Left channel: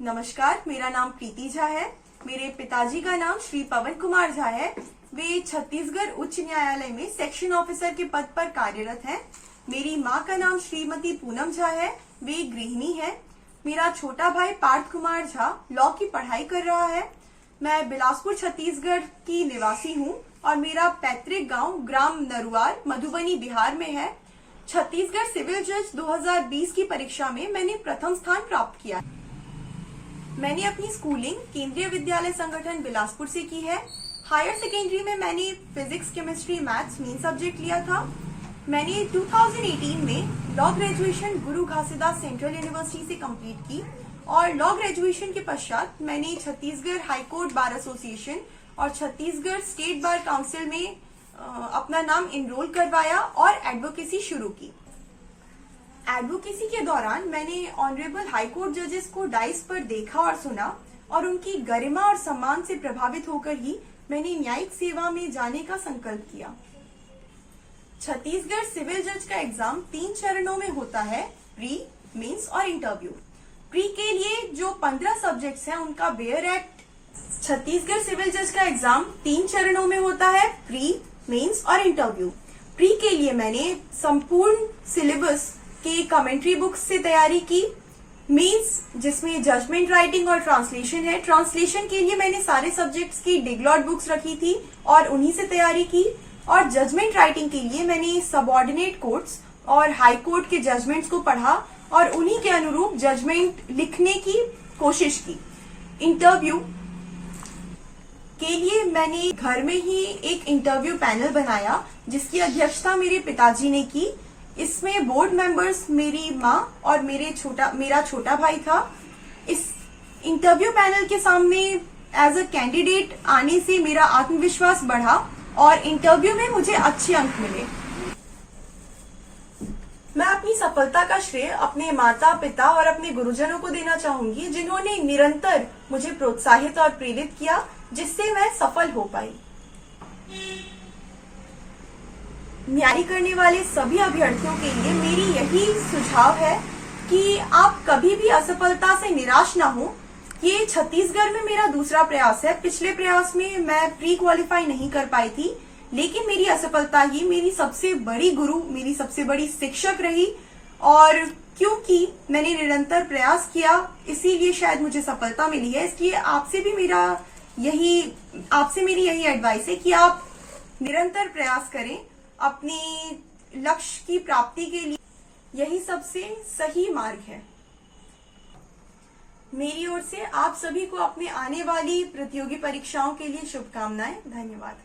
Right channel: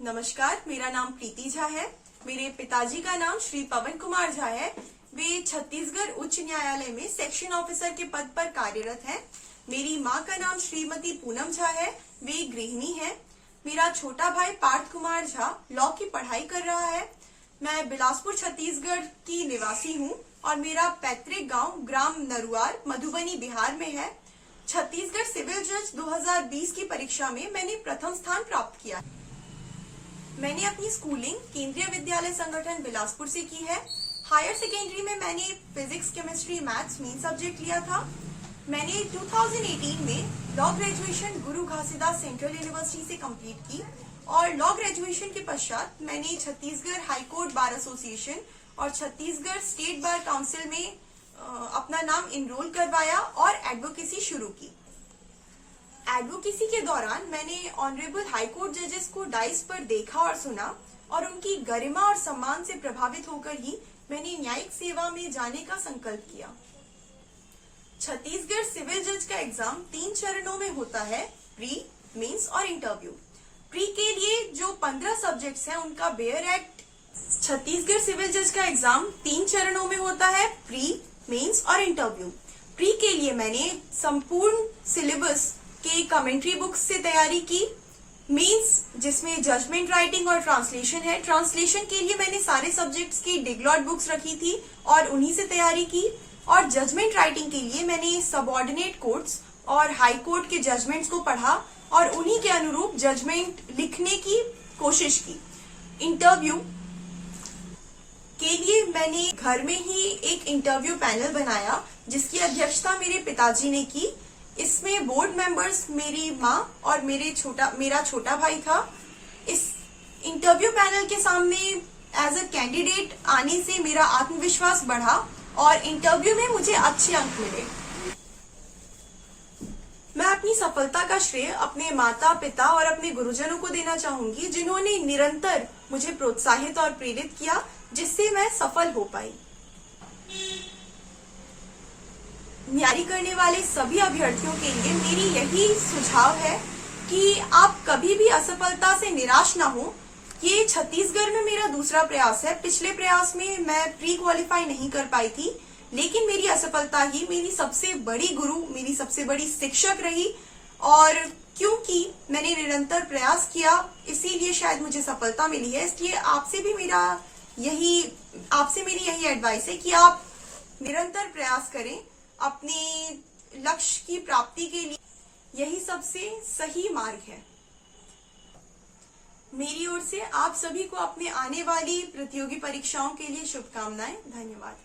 नमस्कार, मेरा नाम प्रीति झा है। मेरे पिताजी का नाम श्री पवन कुमार झा है। वे छत्तीसगढ़ उच्च न्यायालय में सेक्शन ऑफिसर के पद पर कार्यरत हैं। मेरी माँ का नाम श्रीमती पूनम झा है। वे गृहिणी है। मेरा छोटा भाई पार्थ कुमार झा लॉ की पढ़ाई कर रहा है। मैं बिलासपुर छत्तीसगढ़ की निवासी हूँ और मेरा पैतृक गांव ग्राम नरुआर मधुबनी बिहार में है। छत्तीसगढ़ सिविल जज 2020 की परीक्षा में मैंने प्रथम स्थान प्राप्त किया। मैंने अपनी स्कूलिंग केंद्रीय विद्यालय संगठन बिलासपुर से की है। हायर सेकेंडरी में मैंने physics, chemistry, maths main subject लिया था। मैंने 2018 में लॉ ग्रेजुएशन गुरु घासीदास सेंट्रल यूनिवर्सिटी से कंप्लीट की और लॉ ग्रेजुएशन के पश्चात मैंने छत्तीसगढ़ हाईकोर्ट बार एसोसिएशन और छत्तीसगढ़ स्टेट बार काउंसिल में अपना नाम इनरोल करवाया और एडवोकेसी शुरू की। एडवोकेसी के दौरान मैंने ऑनरेबल हाईकोर्ट जजेस को डाइस पर देखा और सुना और उनकी गरिमा और सम्मान से प्रभावित होकर ही मैंने न्यायिक सेवा में जाने का संकल्प किया। छत्तीसगढ़ सिविल जज का एग्जाम 3 चरणों में होता है, प्री, मेंस और इंटरव्यू। प्री के लिए जो 15 सब्जेक्ट्स हैं उनका बेयर एक्ट। छत्तीसगढ़ सिविल जज का एग्जाम 3 चरणों में होता है, प्री, मेंस और इंटरव्यू। प्री के लिए मैंने संपूर्ण सिलेबस के कमेंट्री बुक्स से तैयारी की। मेंस जिसमें जजमेंट राइटिंग और ट्रांसलेशन है, ट्रांसलेशन के लिए मैंने सारे सब्जेक्ट्स की डिग्लॉट बुक्स रखी थी और उन्हीं से तैयारी की। और जजमेंट राइटिंग के लिए मैंने सबऑर्डिनेट कोर्ट्स और हाई कोर्ट के जजमेंट्स को पढ़ा और उन्हीं के अनुरूप जजमेंट लिखने की कोशिश की। इंटरव्यू के लिए मैंने घर में ही एक इंटरव्यू पैनल बनाया जिसकी अध्यक्षता मेरे पिताजी ने की। इसमें बोर्ड मेंबर्स मेरी माँ और मेरा छोटा भाई था। इस इंटरव्यू पैनल के सामने एज अ कैंडिडेट आने से मेरा आत्मविश्वास बढ़ा और इंटरव्यू में मुझे अच्छे अंक मिले। मैं अपनी सफलता का श्रेय अपने माता पिता और अपने गुरुजनों को देना चाहूंगी, जिन्होंने निरंतर मुझे प्रोत्साहित और प्रेरित किया, जिससे मैं सफल हो पाई। न्याय करने वाले सभी अभ्यर्थियों के लिए मेरी यही सुझाव है कि आप कभी भी असफलता से निराश ना हो। ये छत्तीसगढ़ में मेरा दूसरा प्रयास है। पिछले प्रयास में मैं प्री क्वालिफाई नहीं कर पाई थी, लेकिन मेरी असफलता ही मेरी सबसे बड़ी गुरु, मेरी सबसे बड़ी शिक्षक रही और क्योंकि मैंने निरंतर प्रयास किया इसीलिए शायद मुझे सफलता मिली है। इसलिए आपसे मेरी यही एडवाइस है कि आप निरंतर प्रयास करें अपने लक्ष्य की प्राप्ति के लिए। यही सबसे सही मार्ग है। मेरी ओर से आप सभी को अपने आने वाली प्रतियोगी परीक्षाओं के लिए शुभकामनाएं। धन्यवाद।